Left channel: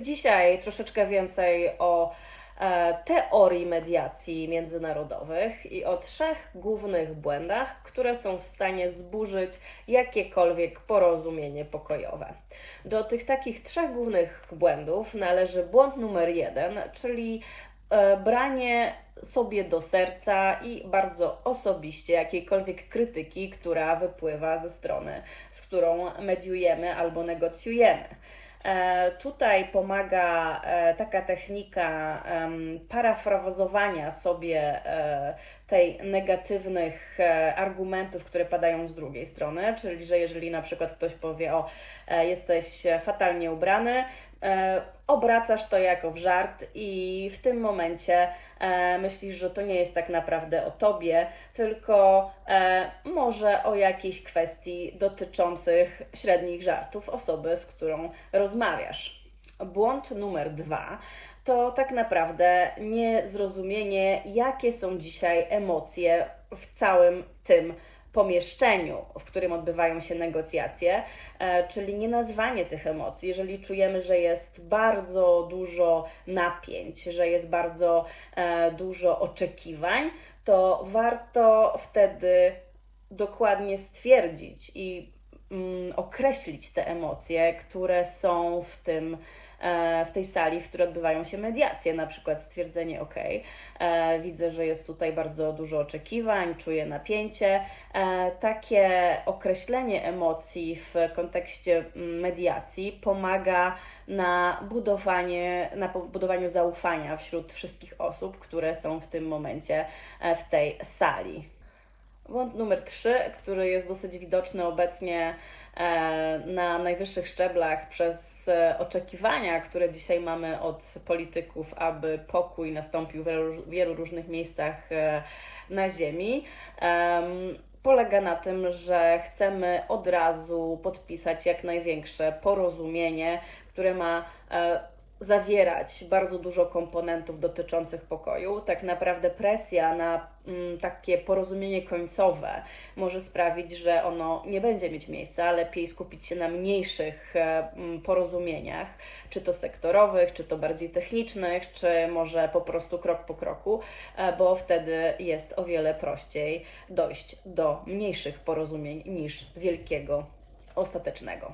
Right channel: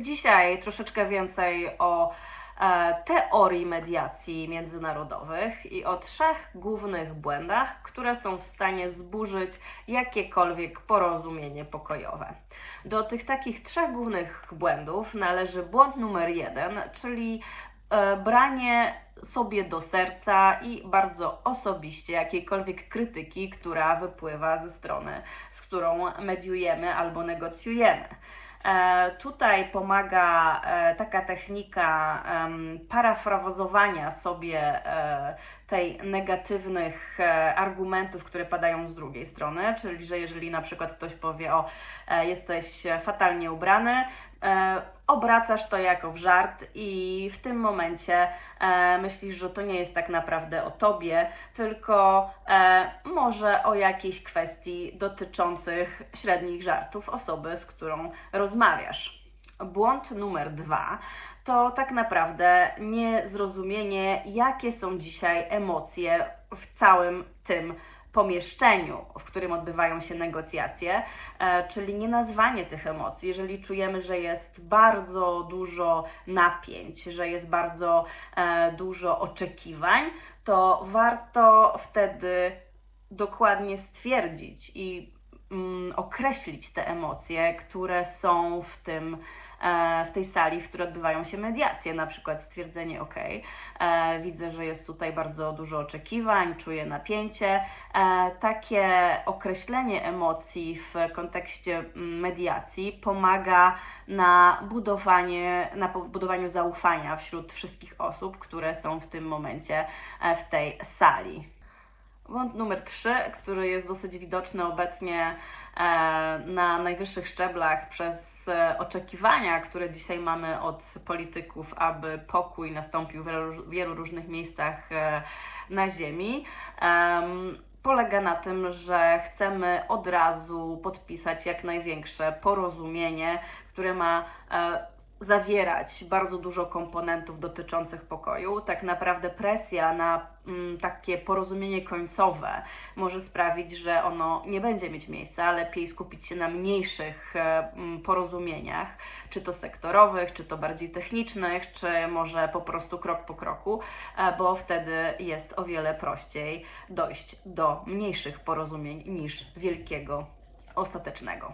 Dzisiaj troszeczkę więcej o e, teorii mediacji międzynarodowych i o trzech głównych błędach, które są w stanie zburzyć jakiekolwiek porozumienie pokojowe. Do tych takich trzech głównych błędów należy błąd numer jeden, czyli e, branie sobie do serca i bardzo osobiście jakiejkolwiek krytyki, która wypływa ze strony, z którą mediujemy albo negocjujemy. E, Tutaj pomaga e, taka technika em, parafrazowania sobie e, tej negatywnych e, argumentów, które padają z drugiej strony, czyli że jeżeli na przykład ktoś powie, o e, jesteś fatalnie ubrany, e, obracasz to jako w żart i w tym momencie myślisz, że to nie jest tak naprawdę o tobie, tylko może o jakiejś kwestii dotyczących średnich żartów osoby, z którą rozmawiasz. Błąd numer dwa to tak naprawdę niezrozumienie, jakie są dzisiaj emocje w całym tym pomieszczeniu, w którym odbywają się negocjacje, e, czyli nie nazwanie tych emocji. Jeżeli czujemy, że jest bardzo dużo napięć, że jest bardzo e, dużo oczekiwań, to warto wtedy dokładnie stwierdzić i mm, określić te emocje, które są w tym w tej sali, w której odbywają się mediacje, na przykład stwierdzenie OK, e, widzę, że jest tutaj bardzo dużo oczekiwań, czuję napięcie. E, takie określenie emocji w kontekście mm, mediacji pomaga na budowanie, na budowaniu zaufania wśród wszystkich osób, które są w tym momencie e, w tej sali. Błąd numer 3, który jest dosyć widoczny obecnie e, na najwyższych szczeblach przez e, oczekiwania, które dzisiaj mamy od polityków, aby pokój nastąpił w wielu, różnych miejscach e, na Ziemi. em, Polega na tym, że chcemy od razu podpisać jak największe porozumienie, które ma zawierać bardzo dużo komponentów dotyczących pokoju. Tak naprawdę presja na mm, takie porozumienie końcowe może sprawić, że ono nie będzie mieć miejsca, lepiej skupić się na mniejszych e, mm, porozumieniach, czy to sektorowych, czy to bardziej technicznych, czy może po prostu krok po kroku, e, bo wtedy jest o wiele prościej dojść do mniejszych porozumień niż wielkiego ostatecznego.